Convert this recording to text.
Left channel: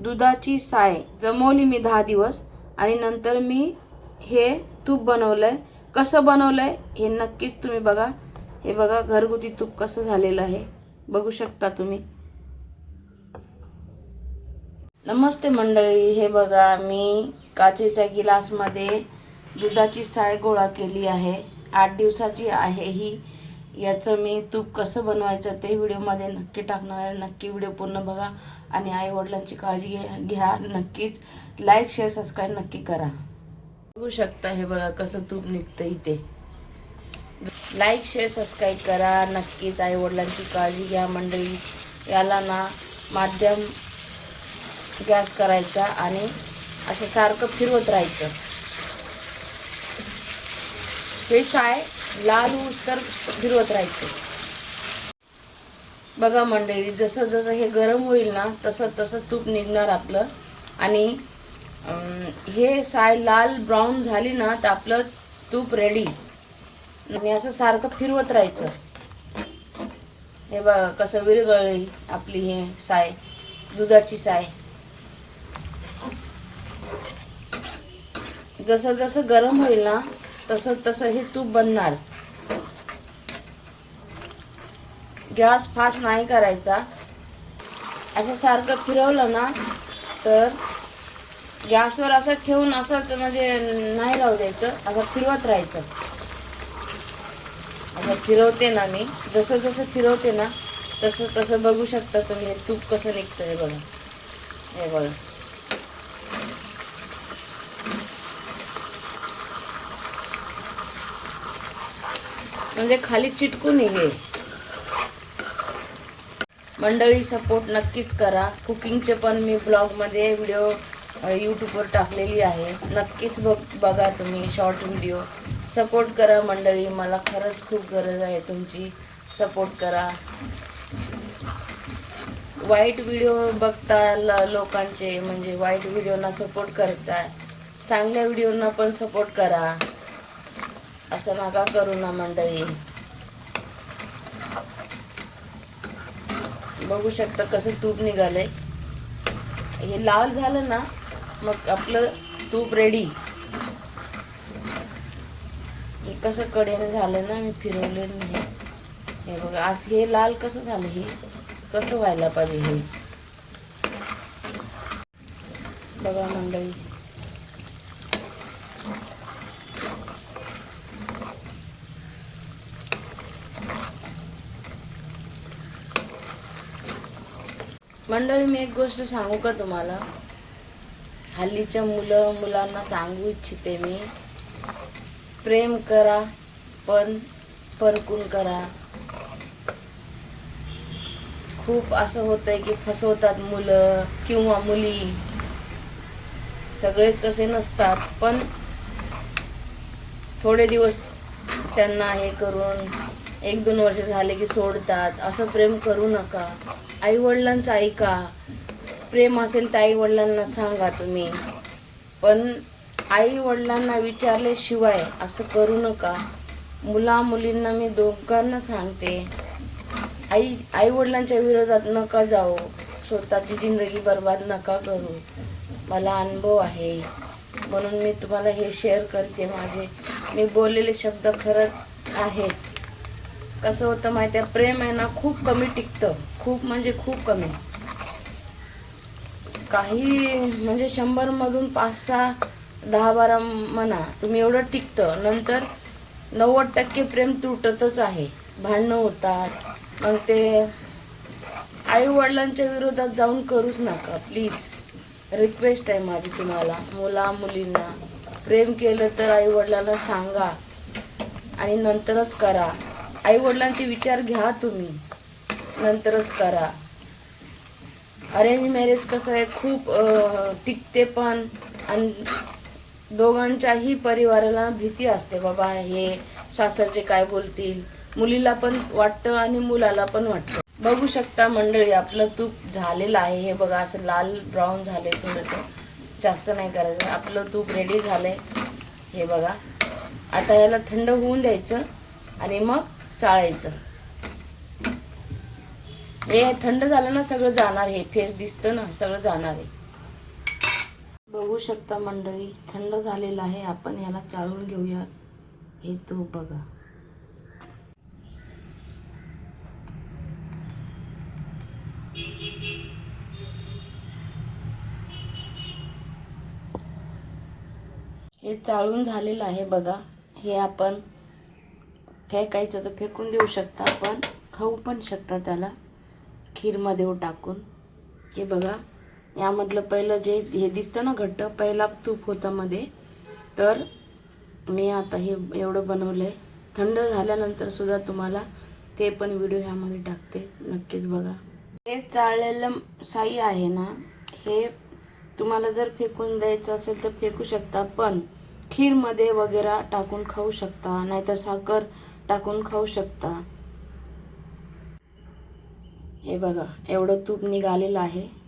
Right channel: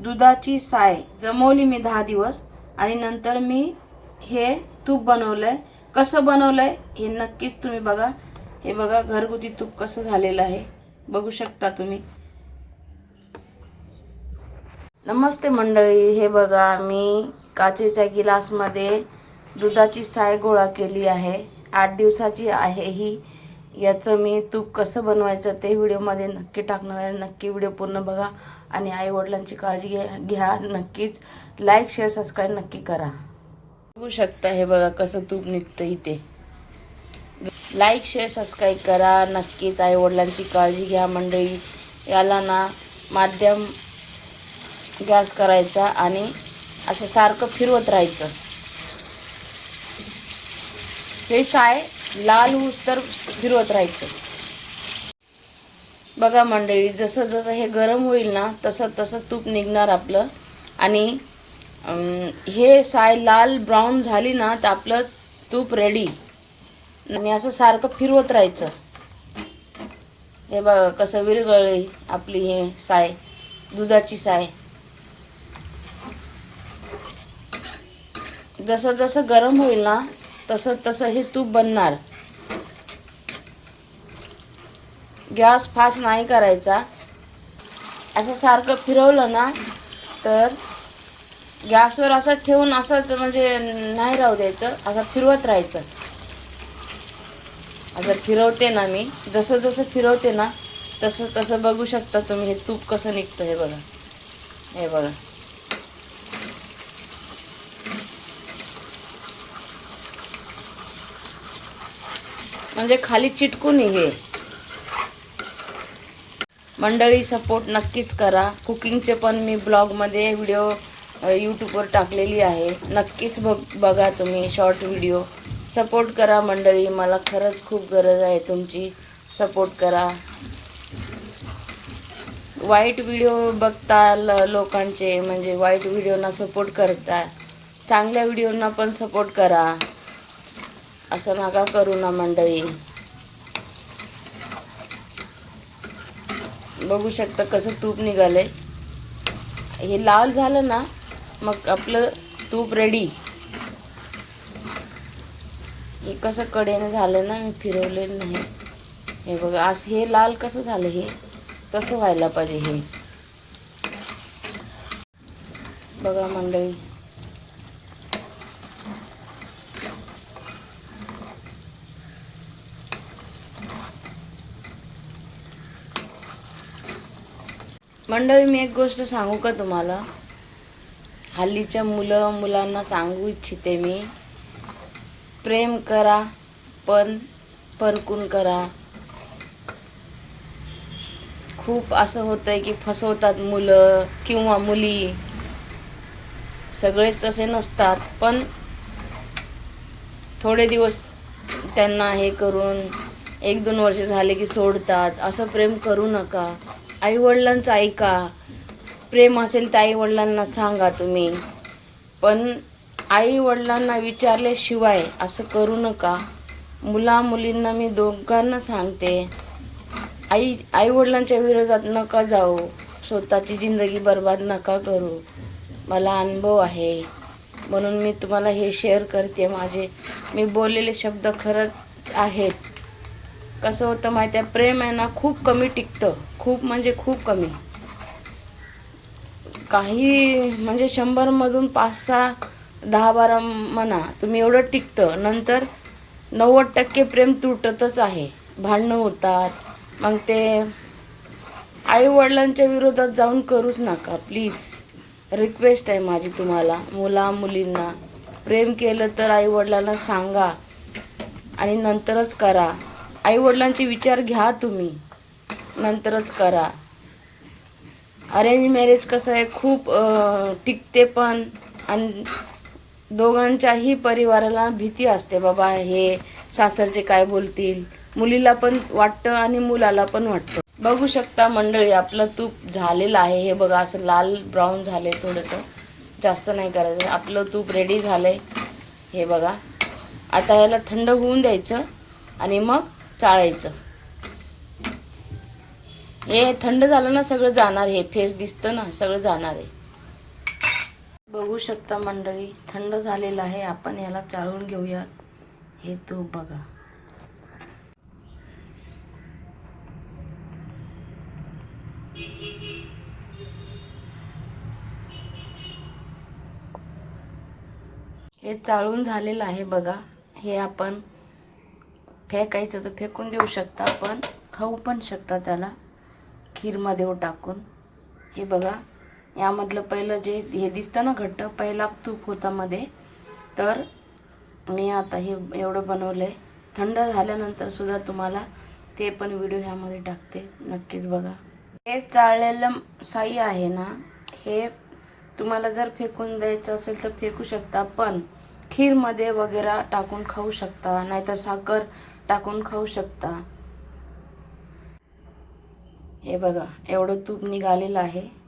दुधाची साय जमवली मी दहा दिवस आणि नंतर मी हे तूप बनवलंय. कसं बनवलंय हे नक्कीच तुम्ही बघा. हे बघा घरगुती तूप कसं झालेलं आहे. बघू शकता तुम्ही. नमस्ते मंडळी हे बघा मी काचेच्या गिलासमध्ये दुधाची साय गोळा केली आहे. आठ दिवसाची आहे ही. याचं मी तूप कसं बनवायचं ते व्हिडिओमध्ये नक्की टाकणार आहे. नक्की व्हिडिओ पूर्ण बघा. आणि आई वडिलांची काळजी घ्या घ्या. नक्कीच लाईक शेअर सबस्क्राईब नक्की करा. बघू शकता हे बघा कसं तूप निघतं इथे. लाईक शेअर सबस्क्राईब करा. नक्कीच आई वडिलांची काळजी घ्या मंडळी. याला ना माध्यम गॅस करायचा आणि असं सारखं फिरवत राहायचं. हे साय लाल ऊस तर फिरवत राहायचं. बघा मंडळी जसं जसं हे गरम होईल ना तसं तसं तूप निघणार आपलं. आणि हे साय लाल ब्राऊन झाली ना तर आपलं तूप रेडी आणि असं सारखं फिरवत राहायचं. हे बघा कसं विरगळली आपली हे साय दुधाची साय. जसं जसं गरम होईल ना तसं तसं हे तूप बनणार. गॅस फास्ट नाही करायचा. असं सारखं फिरवलं ना तर गॅसवर असं ठेवून असंच म्हणजे नाही राहू द्यायचं. असं फिरवत राहायचं. असं फिरवते ना मी. जसं जसं फिरवते ना तसं तसं बघू शकता तुम्ही हे तूप कसं निघतं हे बघा. हे बघा. म्हणजे खाली चिटकून आहे हे. मंडळी सपोर्ट नक्कीच करा. कुकिंगचे पण मी ब्लॉगमध्ये व्हिडिओ यूट्यूबवर टाकलेली आहे. नक्कीच बघ बघा तुम्ही शॉर्ट व्हिडिओ सपोर्ट करा मंडळी मला खरंच खूप गरज आहे तुमची. सपोर्ट करा. वाईट व्हिडिओ बघता ल- लोकांचे म्हणजे वाईट व्हिडिओना सपोर्ट करता. चांगल्या व्हिडिओना पण सपोर्ट करा. असं नका करू ना मंडळी. बघू शकता कसं तूप निघालंय. हे लाल झालं ना मग आपलं तूप रेडी हे कसं कडेनं झालं ना मी फिरवलेलं नाही. हे बघा आज हे लाल कसं झालं हे कसं व्हायला पाहिजे हे? बघा मंडळी मंडळी मी एक गोष्ट सांगू का तुम्हाला? हल्लीच्या मुलं मुलांना सांगू इच्छिते मी. प्रेम करा पण परकून करा. खूप असं होतंय की फसवतात मुलं किंवा मुली. सगळेच तसे नसतात पण थोडे दिवस त्यांना हे करून एक दोन वर्ष झाले की सोडतात. असं प्रेम करू नका. आई वडिलांचं ऐका. प्रेम असेल तर आई वडिलांना सांगा तुम्ही. पण आई वडिलांना विचारल्याशिवाय असं करू नका. मुला मुलींना मी दोघांना सांगते. आई आई वडिलांच्या विरोधात नका जाऊ. स्वतःची जिंदगी बर्बाद नका करू. मला अनुभव आहे. म्हणून मी तुम्हाला हे शेअर करते. माझे मी बोललेले शब्द खरंच आहेत. कसं होतं माहिती आहे प्रेम आहे ना खूप कमी टिकतं. खूप म्हणजे खूप कमी. काही म्हणजे शंभरमधून पाच सहा दहा बारा म्हणा तुम्ही एवढं टिकतं. नंतर नव्वद टक्के प्रेम तुटतच आहे. भांडणं होतात. मग ते आई वडिलांच्या विरोधात जाऊन करूच नका प्लीज. रिक्वेस्ट आहे माझी तुम्हाला मुला मुलींना. प्रेम केलं तर आई वडिलांना सांगा आणि नंतरच करा. आईवडिलांचे विचार घ्या तुम्ही. नंतरच करा. अरेंज मॅरेज कसं आहे खूप टिकते पण आणि दोघांच्याही परिवाराला भीती असते बाबा हे सासरचे काय बोलतील? मुलीला पण वाटतं आणि मुलाला पण वाटतं. बघू शकता मंडळी आपलं तूप झालेलं आहे. हे बघा असं लाल ब्राऊन झाले थोडंसं. जास्त नाही करायचं. आपलं तूप रेडी झालंय. हे बघा. आता याला थंड होऊन द्यायचं आणि मग चाळायचं. हे थंड झालं ना सगळं जाणार हे. फेस दिसतं ना सगळं जाणार आहे बघू शकता मंडळी थंड झालेलं आहे. आपण याला चाळून घेऊयात. हे तूप बघा. हे चाळून झालेलं आहे बघा. हे आपण फेकायचं तर फेकून देऊ शकता पण खाऊ पण शकता त्याला. खीरमध्ये टाकून. हे बघा यामधलं पहिलं जे हे दिसतं ना घट्ट पहिला तूप होता मध्ये. तर मी आता हे एवढं बनवलं आहे थंड झाल्यानंतर सुद्धा तुम्हाला ते पण व्हिडिओ ह्यामध्ये टाकते. नक्कीच बघा. हे चाळलेलं साई आहे ना हे तुम्हाला जर फेकून द्यायचं असेल तर फेकू शकता पण खीरमध्ये वगैरे टाकून खाऊ शकता. नाहीतर साखर टाकून खाऊ शकता. हे बघा एवढं तूप निघालेलं आहे.